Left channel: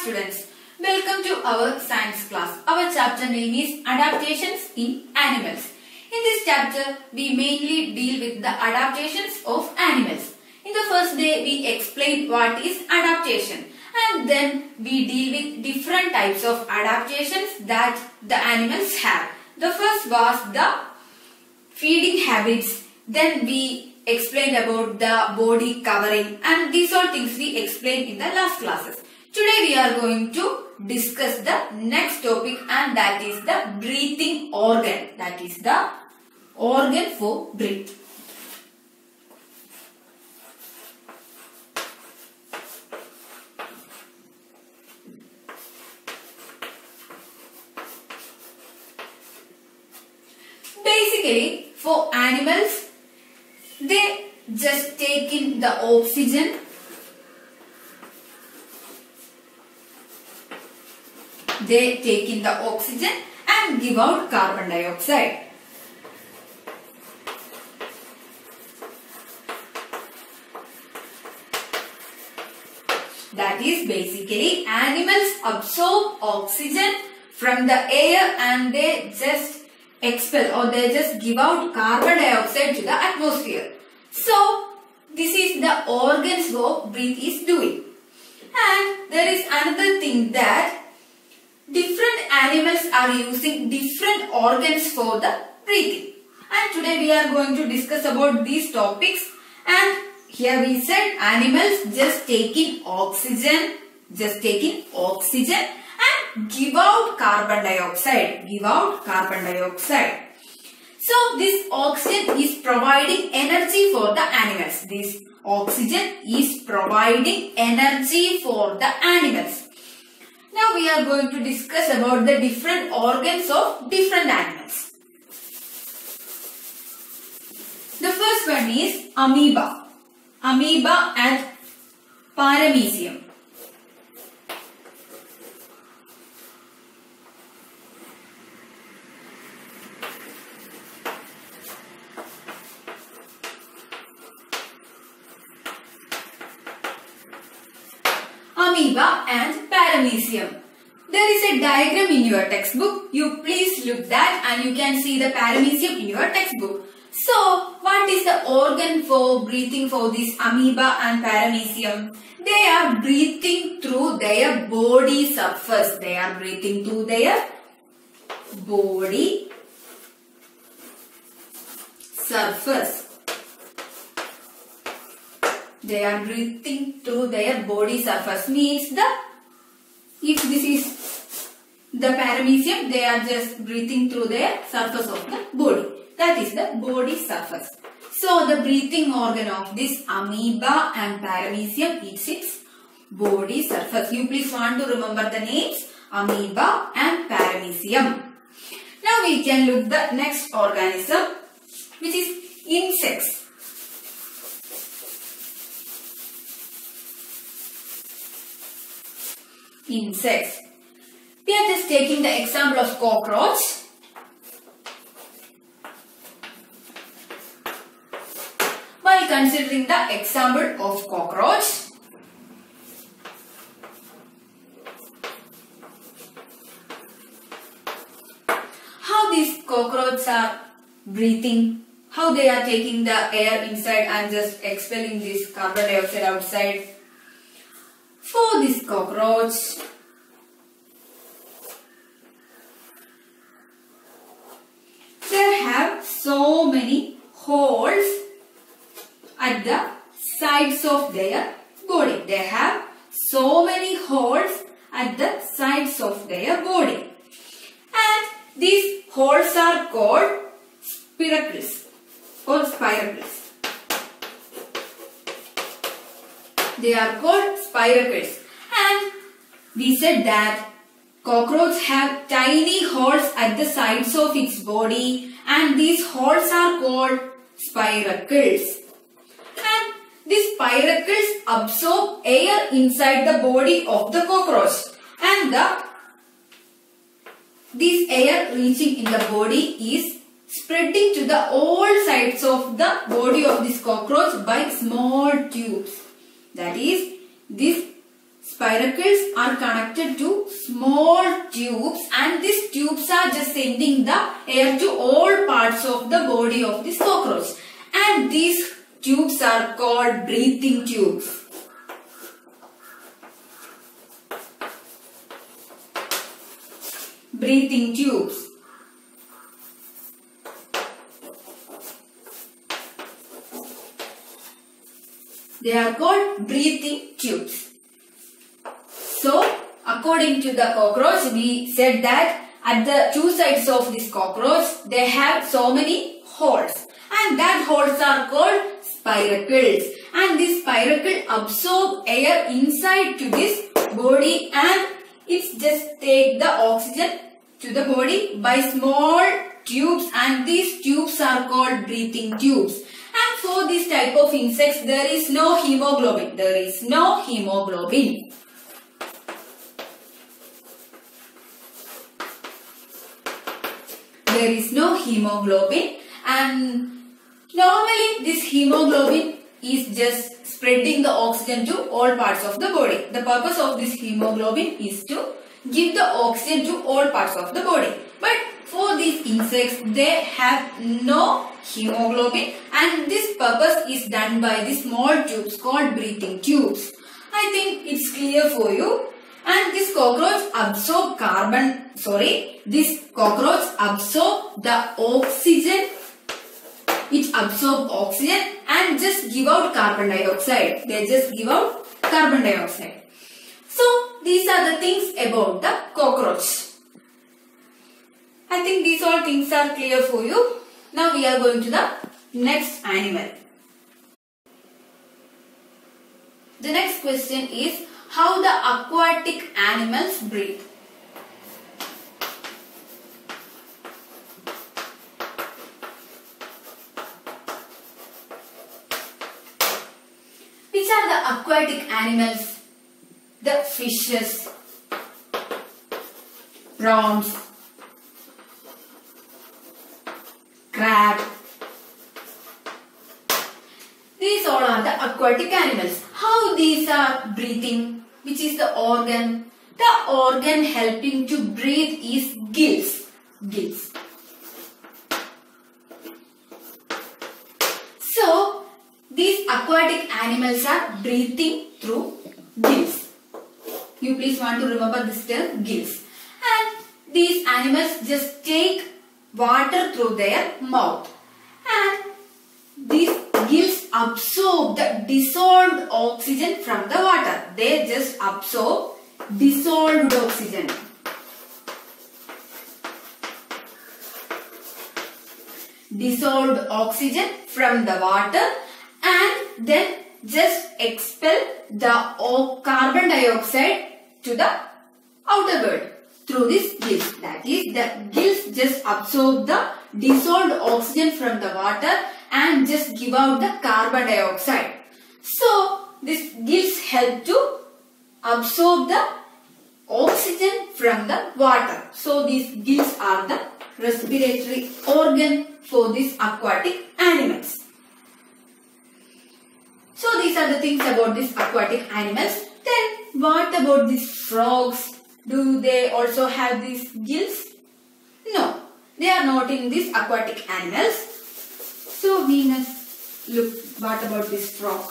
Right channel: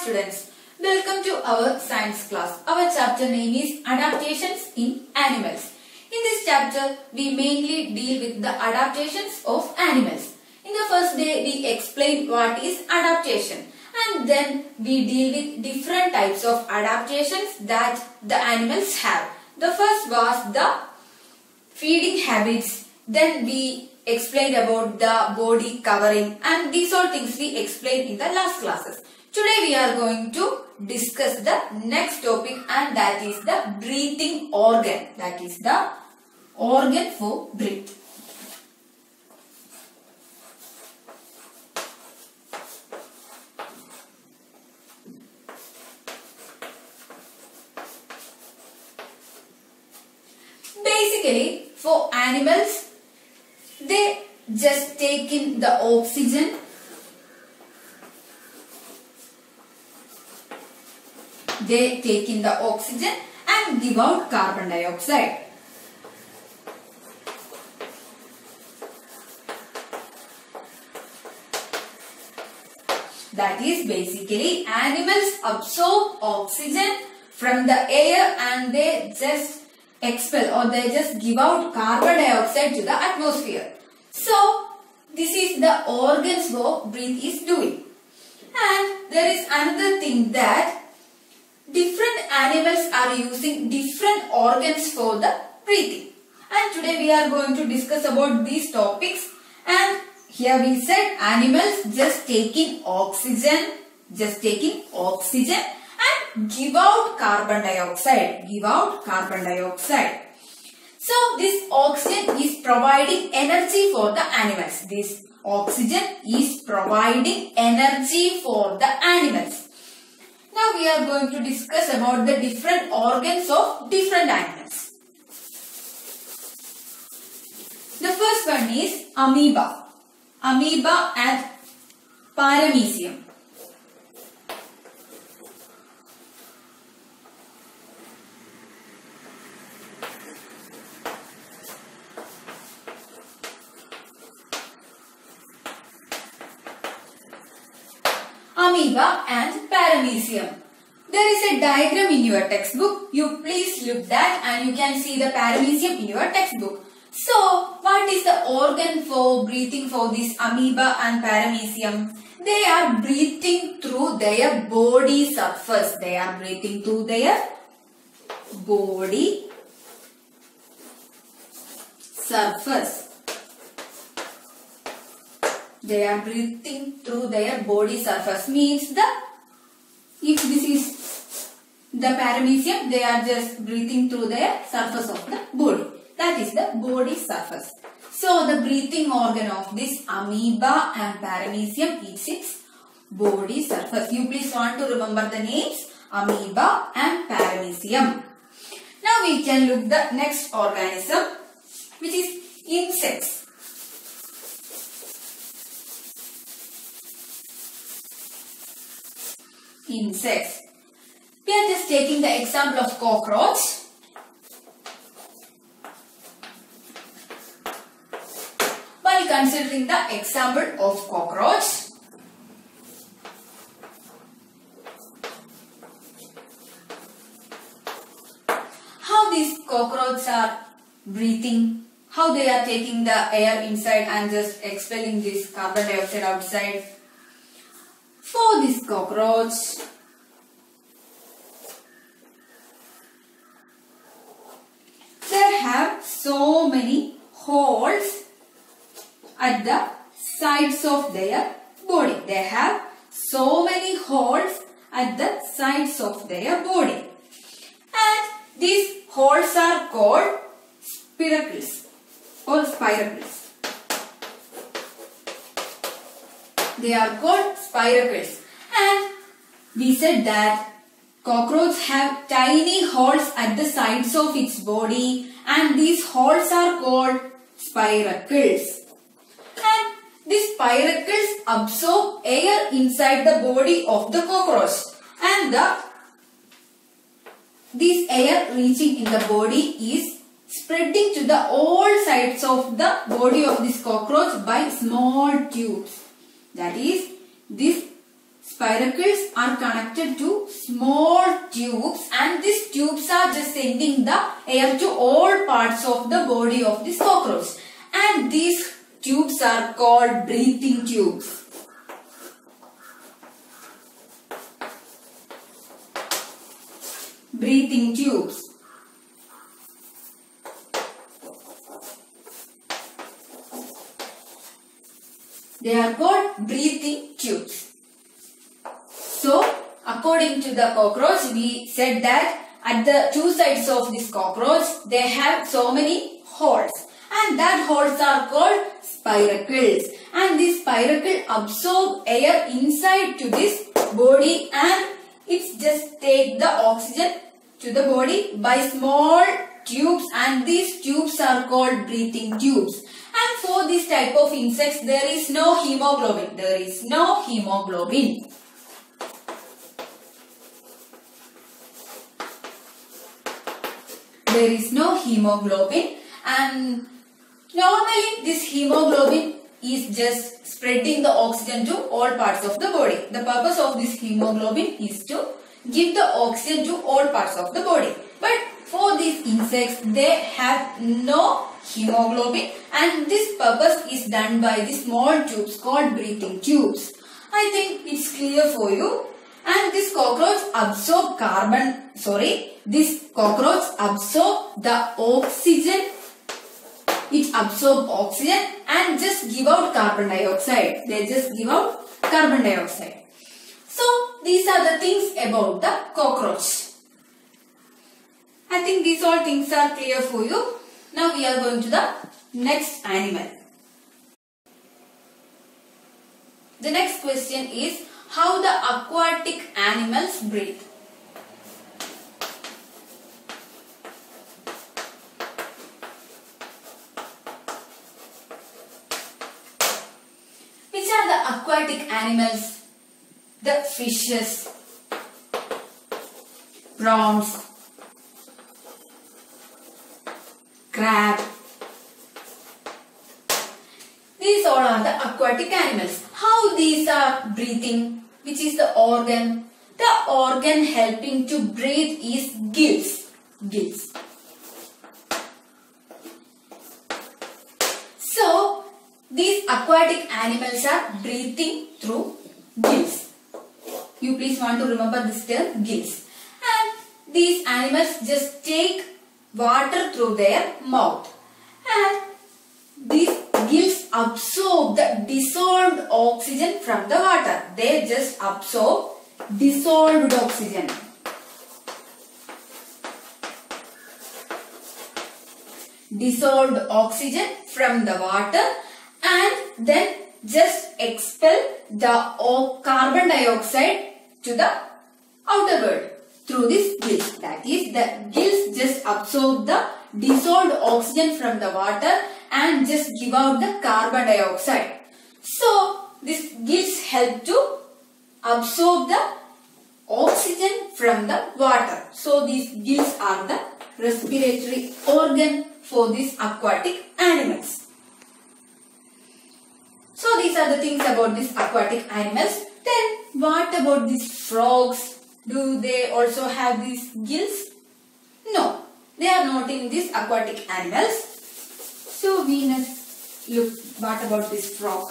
students, welcome to our science class. Our chapter name is Adaptations in Animals. In this chapter, we mainly deal with the adaptations of animals. In the first day, we explained what is adaptation, and then we deal with different types of adaptations that the animals have. The first was the feeding habits. Then we explained about the body covering, and these all things we explained in the last classes. Today we are going to discuss the next topic, and that is the breathing organ. That is the organ for breath. Basically, for animals, they just take in the oxygen . They take in the oxygen and give out carbon dioxide. That is basically animals absorb oxygen from the air and they just expel or they just give out carbon dioxide to the atmosphere. So this is the organs what breath is doing. And there is another thing that different animals are using different organs for the breathing. And today we are going to discuss about these topics. And here we said animals just taking oxygen and give out carbon dioxide. So this oxygen is providing energy for the animals. This oxygen is providing energy for the animals. Now we are going to discuss about the different organs of different animals. The first one is amoeba. Amoeba and paramecium. Amoeba and paramecium. There is a diagram in your textbook. You please look that and you can see the paramecium in your textbook. So, what is the organ for breathing for this amoeba and paramecium? They are breathing through their body surface. They are breathing through their body surface. They are breathing through their body surface. Means if this is the paramecium, they are just breathing through their surface of the body. That is the body surface. So the breathing organ of this amoeba and paramecium is its body surface. You please want to remember the names amoeba and paramecium. Now we can look the next organism, which is insects. Insects. We are just taking the example of cockroach. While considering the example of cockroach, how these cockroaches are breathing, how they are taking the air inside and just expelling this carbon dioxide outside. For this cockroach, they have so many holes at the sides of their body. They have so many holes at the sides of their body. And these holes are called spiracles or spiracles. They are called spiracles. And we said that cockroaches have tiny holes at the sides of its body, and these holes are called spiracles. And these spiracles absorb air inside the body of the cockroach, and this air reaching in the body is spreading to the all sides of the body of this cockroach by small tubes. That is, this spiracles are connected to small tubes, and these tubes are just sending the air to all parts of the body of this cockroach. And these tubes are called breathing tubes. Breathing tubes. They are called breathing tubes. So, according to the cockroach, we said that at the two sides of this cockroach, they have so many holes. And that holes are called spiracles. And this spiracle absorb air inside to this body, and it just take the oxygen to the body by small tubes, and these tubes are called breathing tubes. And for this type of insects, there is no hemoglobin. There is no hemoglobin. There is no hemoglobin, and normally this hemoglobin is just spreading the oxygen to all parts of the body. The purpose of this hemoglobin is to give the oxygen to all parts of the body. But for these insects, they have no hemoglobin, and this purpose is done by the small tubes called breathing tubes. I think it's clear for you. And this cockroach absorb this cockroach absorb the oxygen. It absorb oxygen and just give out carbon dioxide. They just give out carbon dioxide. So these are the things about the cockroach. I think these all things are clear for you. Now we are going to the next animal. The next question is how the aquatic animals breathe. Which are the aquatic animals? The fishes, prawns, crab. These all are the aquatic animals. How these are breathing? Which is the organ? The organ helping to breathe is gills. Gills. So, these aquatic animals are breathing through gills. You please want to remember this term, gills. And these animals just take water through their mouth. And these gills absorb the dissolved oxygen from the water. They just absorb dissolved oxygen. Dissolved oxygen from the water, and then just expel the carbon dioxide to the outer world through these gills. That is, the gills just absorb the dissolved oxygen from the water and just give out the carbon dioxide. So, these gills help to absorb the oxygen from the water. So, these gills are the respiratory organ for these aquatic animals. So, these are the things about these aquatic animals. Then, what about these frogs? Do they also have these gills? No, they are not in these aquatic animals. So, we must look what about this frog.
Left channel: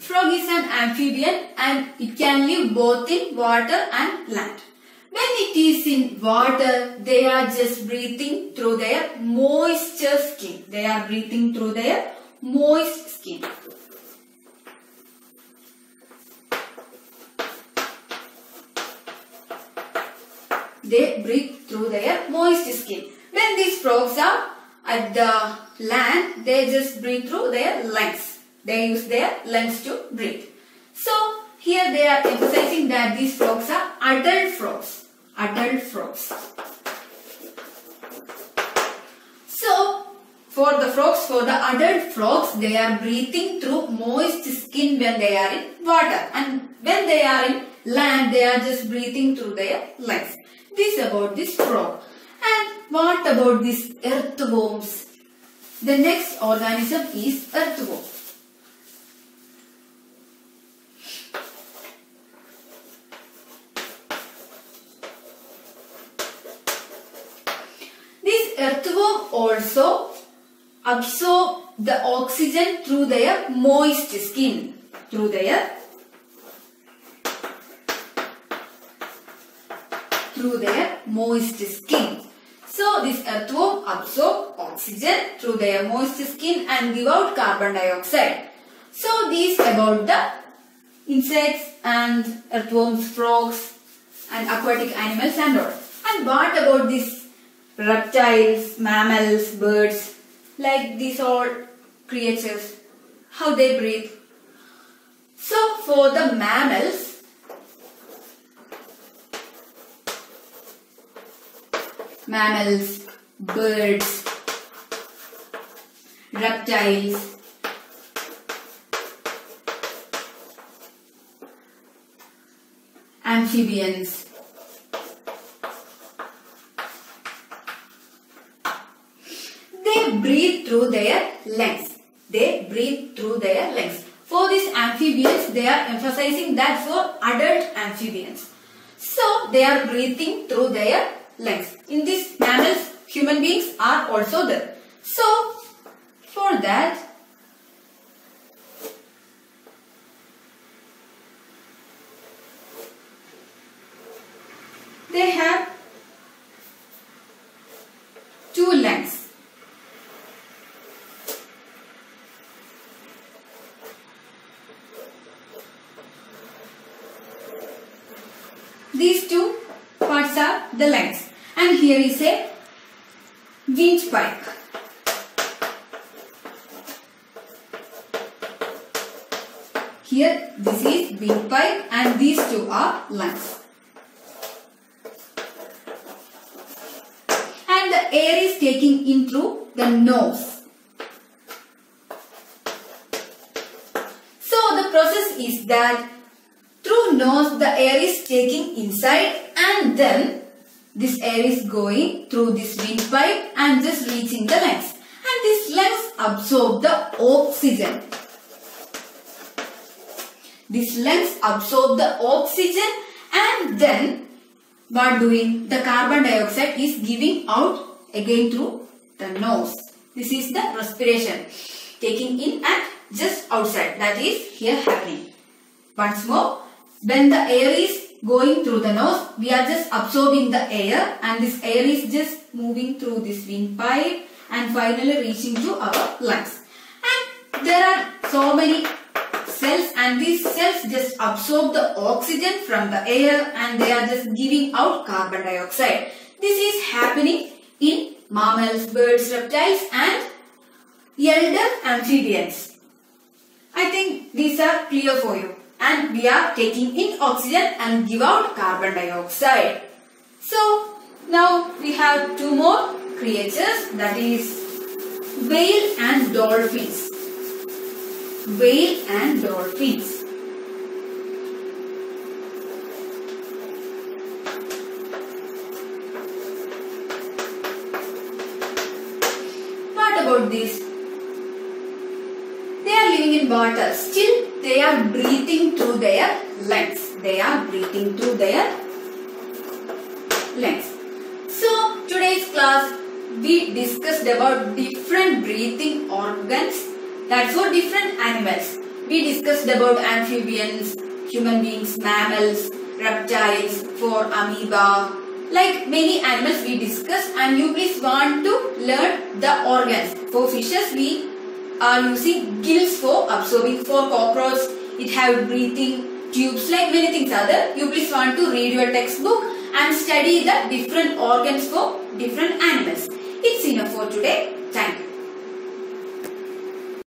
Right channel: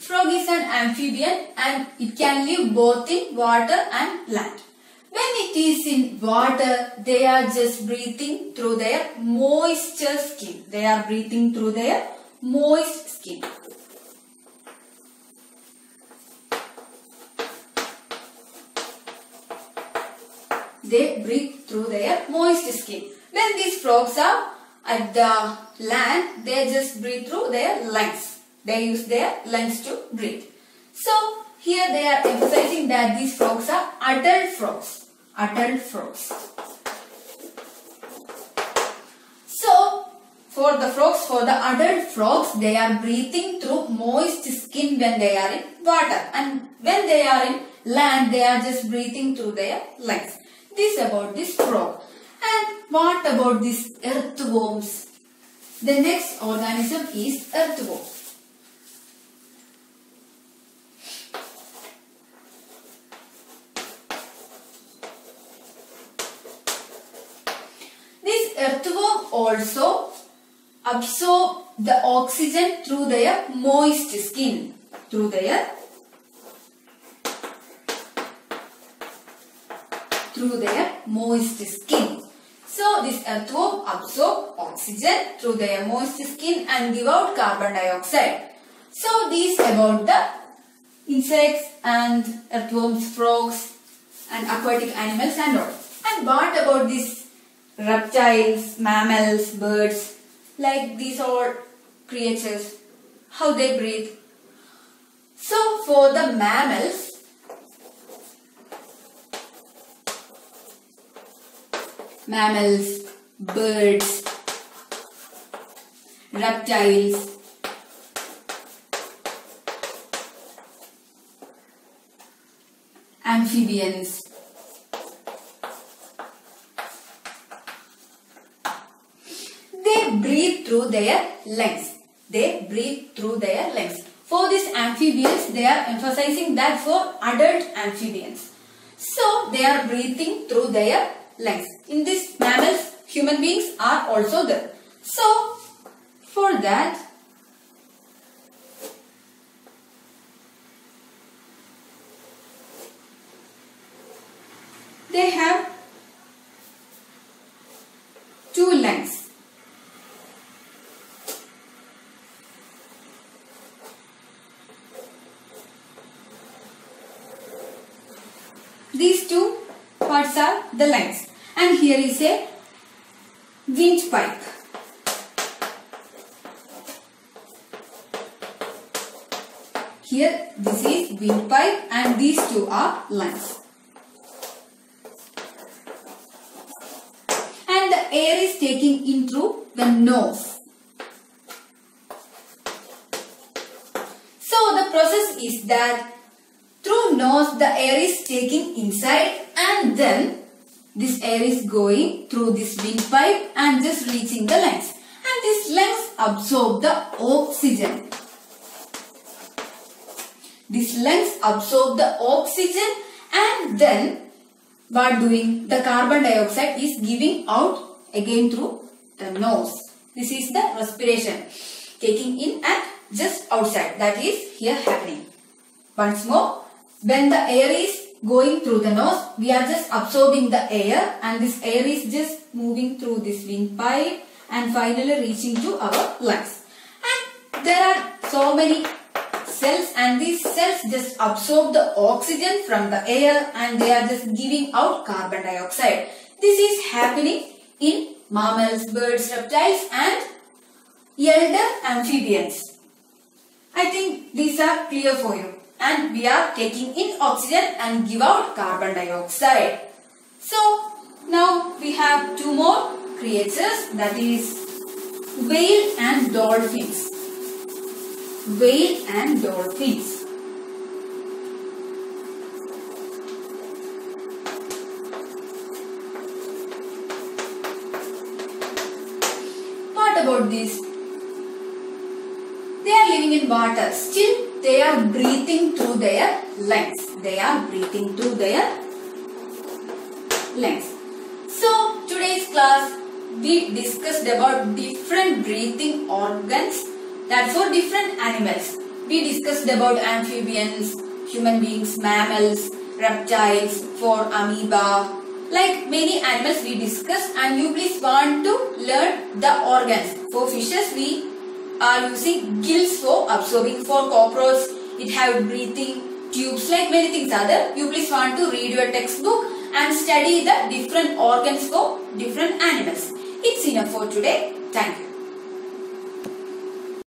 Frog is an amphibian and it can live both in water and land. When it is in water, they are just breathing through their moisture skin. They are breathing through their moist skin. They breathe through their moist skin. When these frogs are at the land, they just breathe through their lungs. They use their lungs to breathe. So, here they are emphasizing that these frogs are adult frogs. Adult frogs. So, for the adult frogs, they are breathing through moist skin when they are in water. And when they are in land, they are just breathing through their lungs. This about this frog. And what about these earthworms? The next organism is earthworm. This earthworm also absorb the oxygen through their moist skin. Through their moist skin. So this earthworm absorb oxygen through their moist skin and give out carbon dioxide. So these about the insects and earthworms, frogs and aquatic animals and all. And what about these reptiles, mammals, birds, like these all creatures, how they breathe? So for the mammals, birds, reptiles, amphibians, they breathe through their lungs. For these amphibians, they are emphasizing that for adult amphibians. So they are breathing through their lungs. In these mammals, human beings are also there. So for that, they have two lungs. These two parts are the lungs, and here is a windpipe. Here this is windpipe and these two are lungs. And the air is taking in through the nose. So the process is that through nose the air is taking inside and then this air is going through this windpipe and just reaching the lungs. And these lungs absorb the oxygen. These lungs absorb the oxygen and then by doing the carbon dioxide is giving out again through the nose. This is the respiration. Taking in and just outside. That is here happening. Once more. When the air is going through the nose, we are just absorbing the air and this air is just moving through this windpipe and finally reaching to our lungs. And there are so many cells and these cells just absorb the oxygen from the air and they are just giving out carbon dioxide. This is happening in mammals, birds, reptiles and elder amphibians. I think these are clear for you. And we are taking in oxygen and give out carbon dioxide. So now we have two more creatures, that is whale and dolphins. Whale and dolphins. What about this? They are living in water. Still they are breathing through their lungs. So today's class we discussed about different breathing organs that for different animals. We discussed about amphibians, human beings, mammals, reptiles, for amoeba, like many animals we discussed, and you please want to learn the organs. For fishes we are using gills for absorbing. For cockroach it have breathing tubes, like many things are there. You please want to read your textbook and study the different organs for different animals. It's enough for today. Thank you.